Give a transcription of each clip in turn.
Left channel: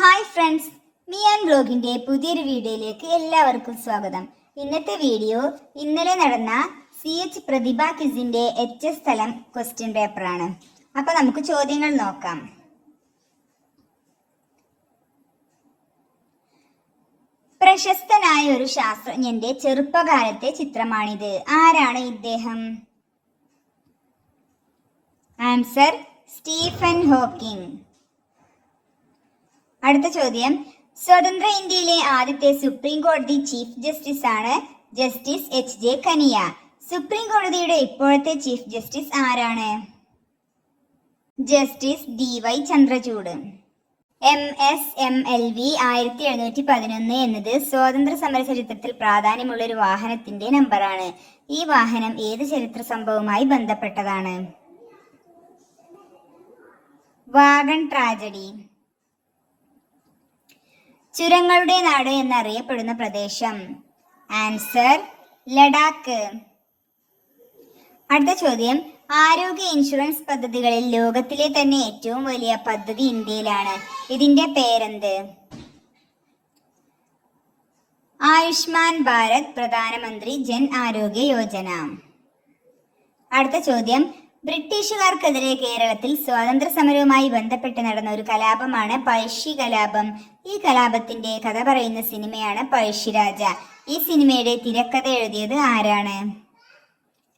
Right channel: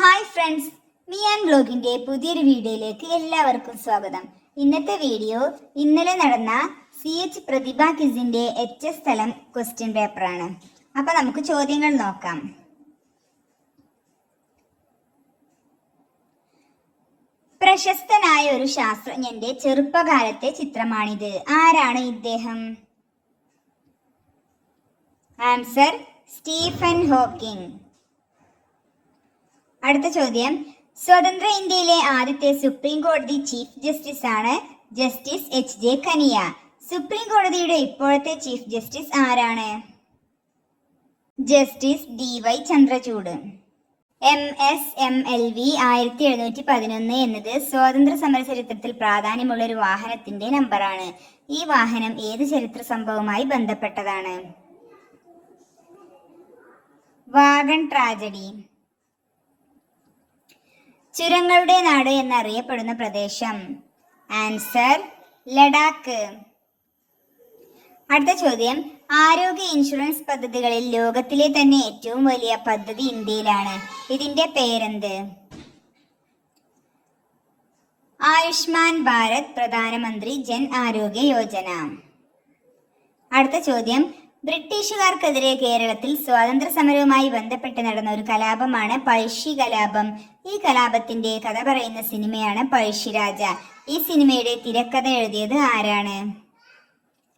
Hi friends, Mian വ്ലോഗിന്റെ പുതിയൊരു വീഡിയോയിലേക്ക് എല്ലാവർക്കും സ്വാഗതം. ഇന്നത്തെ വീഡിയോ ഇന്നലെ നടന്ന CH പ്രതിഭ ക്വിസിന്റെ HS തലം ക്വസ്റ്റ്യൻ പേപ്പറാണ്. അപ്പൊ നമുക്ക് ചോദ്യങ്ങൾ നോക്കാം. പ്രശസ്തനായ ഒരു ശാസ്ത്രജ്ഞന്റെ ചെറുപ്പകാലത്തെ ചിത്രമാണിത്. ആരാണ് ഇദ്ദേഹം? Answer Stephen Hawking. അടുത്ത ചോദ്യം, സ്വതന്ത്ര ഇന്ത്യയിലെ ആദ്യത്തെ സുപ്രീം കോടതി ചീഫ് ജസ്റ്റിസ് ആണ് ജസ്റ്റിസ് HJ കനിയ. സുപ്രീം കോടതിയുടെ ഇപ്പോഴത്തെ ചീഫ് ജസ്റ്റിസ് ആരാണ്? Justice DY Chandrachud. MSMLV 1711 എന്നത് സ്വാതന്ത്ര്യ സമര ചരിത്രത്തിൽ പ്രാധാന്യമുള്ള ഒരു വാഹനത്തിന്റെ നമ്പറാണ്. ഈ വാഹനം ഏത് ചരിത്ര സംഭവവുമായി ബന്ധപ്പെട്ടതാണ്? Wagon tragedy. ചുരങ്ങളുടെ നാട് എന്നറിയപ്പെടുന്ന പ്രദേശം? ആൻസർ ലഡാക്ക്. അടുത്ത ചോദ്യം, ആരോഗ്യ ഇൻഷുറൻസ് പദ്ധതികളിൽ ലോകത്തിലെ തന്നെ ഏറ്റവും വലിയ പദ്ധതി ഇന്ത്യയിലാണ്. ഇതിന്റെ പേരെന്ത്? ആയുഷ്മാൻ ഭാരത് പ്രധാനമന്ത്രി ജൻ ആരോഗ്യ യോജന. അടുത്ത ചോദ്യം, ബ്രിട്ടീഷുകാർക്കെതിരെ കേരളത്തിൽ സ്വാതന്ത്ര്യ സമരവുമായി ബന്ധപ്പെട്ട് നടന്ന ഒരു കലാപമാണ് പഴശ്ശി കലാപം. ഈ കലാപത്തിന്റെ കഥ പറയുന്ന സിനിമയാണ് പഴശ്ശിരാജ. ഈ സിനിമയുടെ തിരക്കഥ എഴുതിയത് ആരാണ്?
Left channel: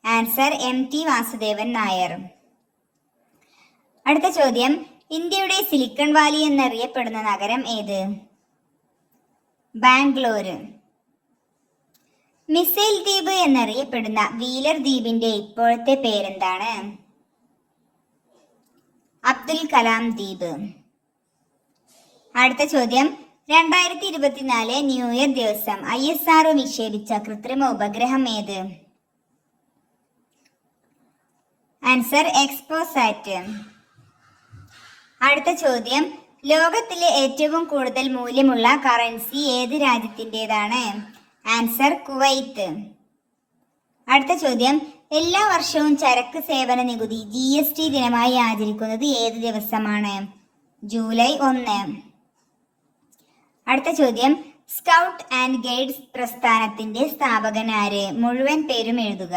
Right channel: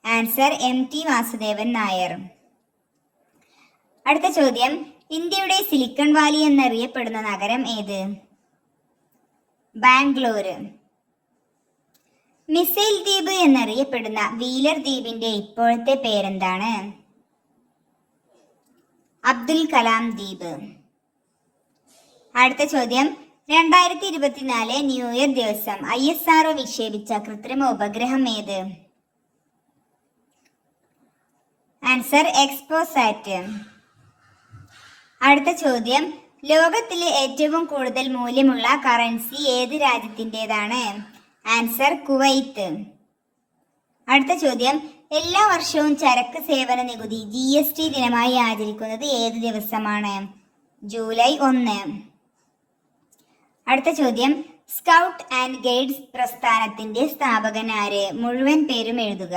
Answer MT Vasudevan Nair. അടുത്ത ചോദ്യം, ഇന്ത്യയുടെ സിലിക്കൺ വാലി എന്നറിയപ്പെടുന്ന നഗരം ഏത്? ബാംഗ്ലൂർ. മിസൈൽ ദ്വീപ് എന്നറിയപ്പെടുന്ന വീലർ ദ്വീപിന്റെ ഇപ്പോഴത്തെ പേരെന്താണ്? അബ്ദുൽ കലാം ദ്വീപ്. അടുത്ത ചോദ്യം, 2024 ന്യൂ ഇയർ ദിവസം ISRO വിക്ഷേപിച്ച കൃത്രിമ ഉപഗ്രഹം ഏത്? Answer XPoSat. അടുത്ത ചോദ്യം, ലോകത്തിലെ ഏറ്റവും കൂടുതൽ മൂല്യമുള്ള കറൻസി ഏത് രാജ്യത്തിൻ്റെതാണ്? Answer Kuwait. അടുത്ത ചോദ്യം, എല്ലാ വർഷവും ചരക്ക് സേവന നികുതി GST ദിനമായി ആചരിക്കുന്നത് ഏത് ദിവസമാണ്? ജൂലൈ 1. അടുത്ത ചോദ്യം, സ്കൗട്ട് ആൻഡ് ഗൈഡ്സ് പ്രസ്ഥാനത്തിന്റെ സ്ഥാപകൻ ആര്? മുഴുവൻ പേരും എഴുതുക.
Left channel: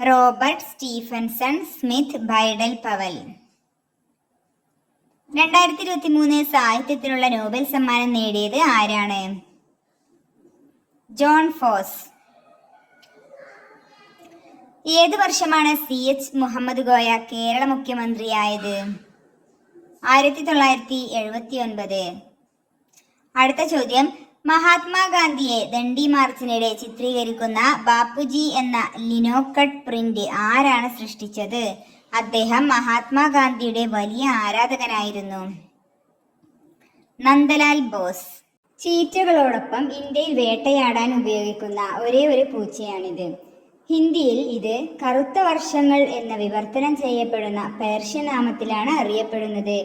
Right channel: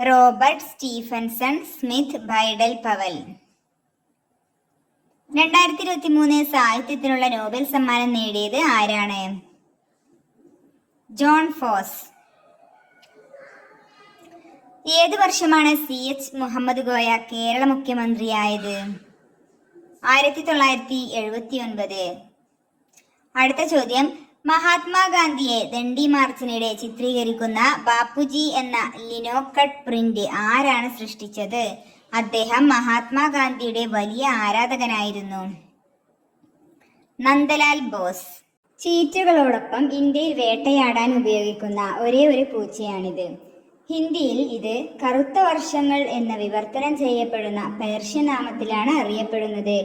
Robert Stephenson Smyth Baden Powell. 2023 സാഹിത്യത്തിനുള്ള നോബൽ സമ്മാനം നേടിയത് ആരാണ്? Jon Fosse. ഏത് വർഷമാണ് CH മുഹമ്മദ് കോയ കേരള മുഖ്യമന്ത്രിയായത്? 1979. അടുത്ത ചോദ്യം, മഹാത്മാഗാന്ധിയെ ദണ്ഡി മാർച്ചിനിടെ ചിത്രീകരിക്കുന്ന ബാപ്പുജി എന്ന ലിനോക്കട്ട് പ്രിന്റ് ആരാണ് സൃഷ്ടിച്ചത്? അദ്ദേഹം മഹാത്മാഗാന്ധിയുടെ വലിയ ആരാധകനായിരുന്നു. നന്ദലാൽ ബോസ്. ചീറ്റകളോടൊപ്പം ഇന്ത്യയിൽ വേട്ടയാടാൻ ഉപയോഗിക്കുന്ന ഒരേ ഒരു പൂച്ചയാണിത്. ഹിന്ദിയിൽ ഇത് കറുത്ത വർഷങ്ങൾ എന്ന വിവർത്തനം ചെയ്യപ്പെടുന്ന പേർഷ്യൻ നാമത്തിലാണ് അറിയപ്പെടുന്നത്.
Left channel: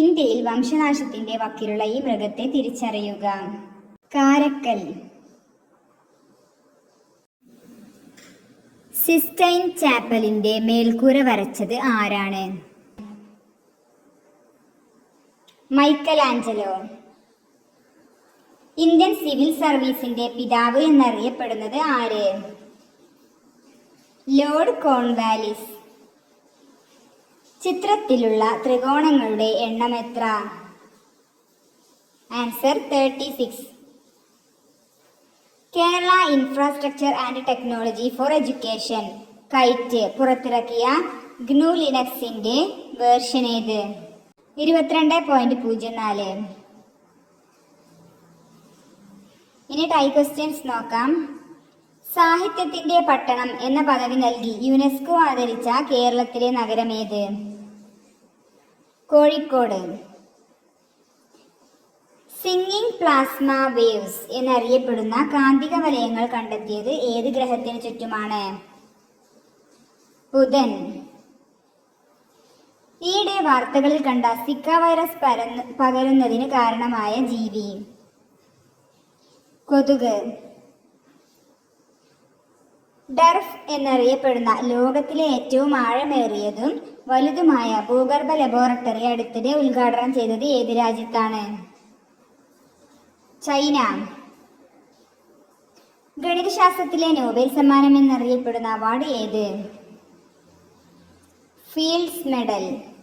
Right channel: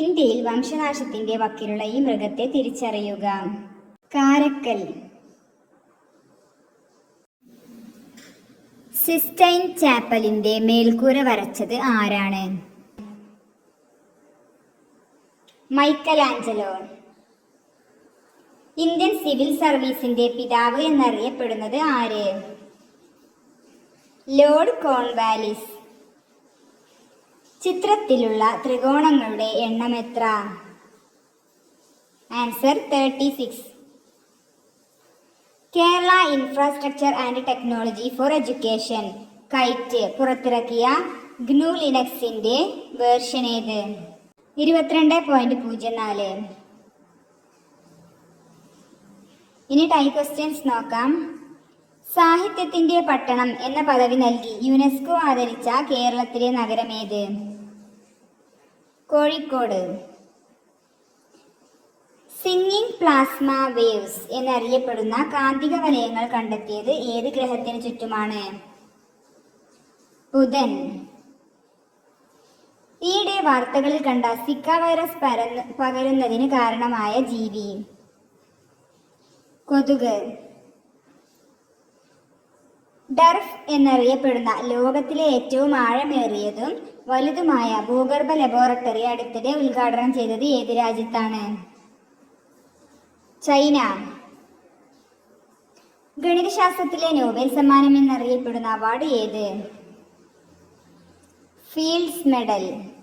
ഇന്ത്യയിൽ വംശനാശത്തിന്റെ വക്കിലുള്ള ഈ മൃഗത്തെ തിരിച്ചറിയുക. കാരക്കൽ. സിസ്റ്റൈൻ ചാപ്പലിന്റെ മേൽക്കൂര വരച്ചത് ആരാണ്? Michelangelo. ഇന്ത്യൻ സിവിൽ സർവീസിന്റെ പിതാവ് എന്നറിയപ്പെടുന്നത് ആര്? Lord Cornwallis. ചിത്രത്തിലുള്ള ത്രികോണങ്ങളുടെ എണ്ണം എത്ര? Answer 36. Kerala infrastructure and technology for education KITE പുറത്തിറക്കിയ GNU ലിനക്സിന്റെ വേർഷൻ ഏത്? 22.04. ഇനി ടൈ ക്വസ്റ്റ്യൻസ് നോക്കാം. സാഹിത്യത്തിന്റെ പട്ടണം എന്ന പദവി നൽകി യുനെസ്കോ ആദരിച്ച കേരളത്തിലെ നഗരം ഏത്? കോഴിക്കോട്. സിംഗിങ് പ്ലാസ്മ വേവ്സ് എന്നറിയപ്പെടുന്ന കാന്തിക വലയങ്ങൾ കണ്ടെത്തിയത് ഏത് ഗ്രഹത്തിന് ചുറ്റുമാണ്? ബുധൻ. ഈയിടെ വാർത്തകളിൽ കണ്ട സിക്ക വൈറസ് പകരുന്നതിന് കാരണമായ ജീവി? കൊതുക്. ഡർഫ് എന്നറിയപ്പെടുന്ന ലോകത്തിലെ ഏറ്റവും ആഴമേറിയതും വലുതുമായ ഭൂഗർഭ ലബോറട്ടറി അടുത്തിടെ ഉദ്ഘാടനം ചെയ്തത് ഏത് രാജ്യത്താണ്? ചൈന. ഗണിതശാസ്ത്രത്തിലെ നോബൽ സമ്മാനം എന്നറിയപ്പെടുന്ന അവാർഡ് ഏത്? Fields medal.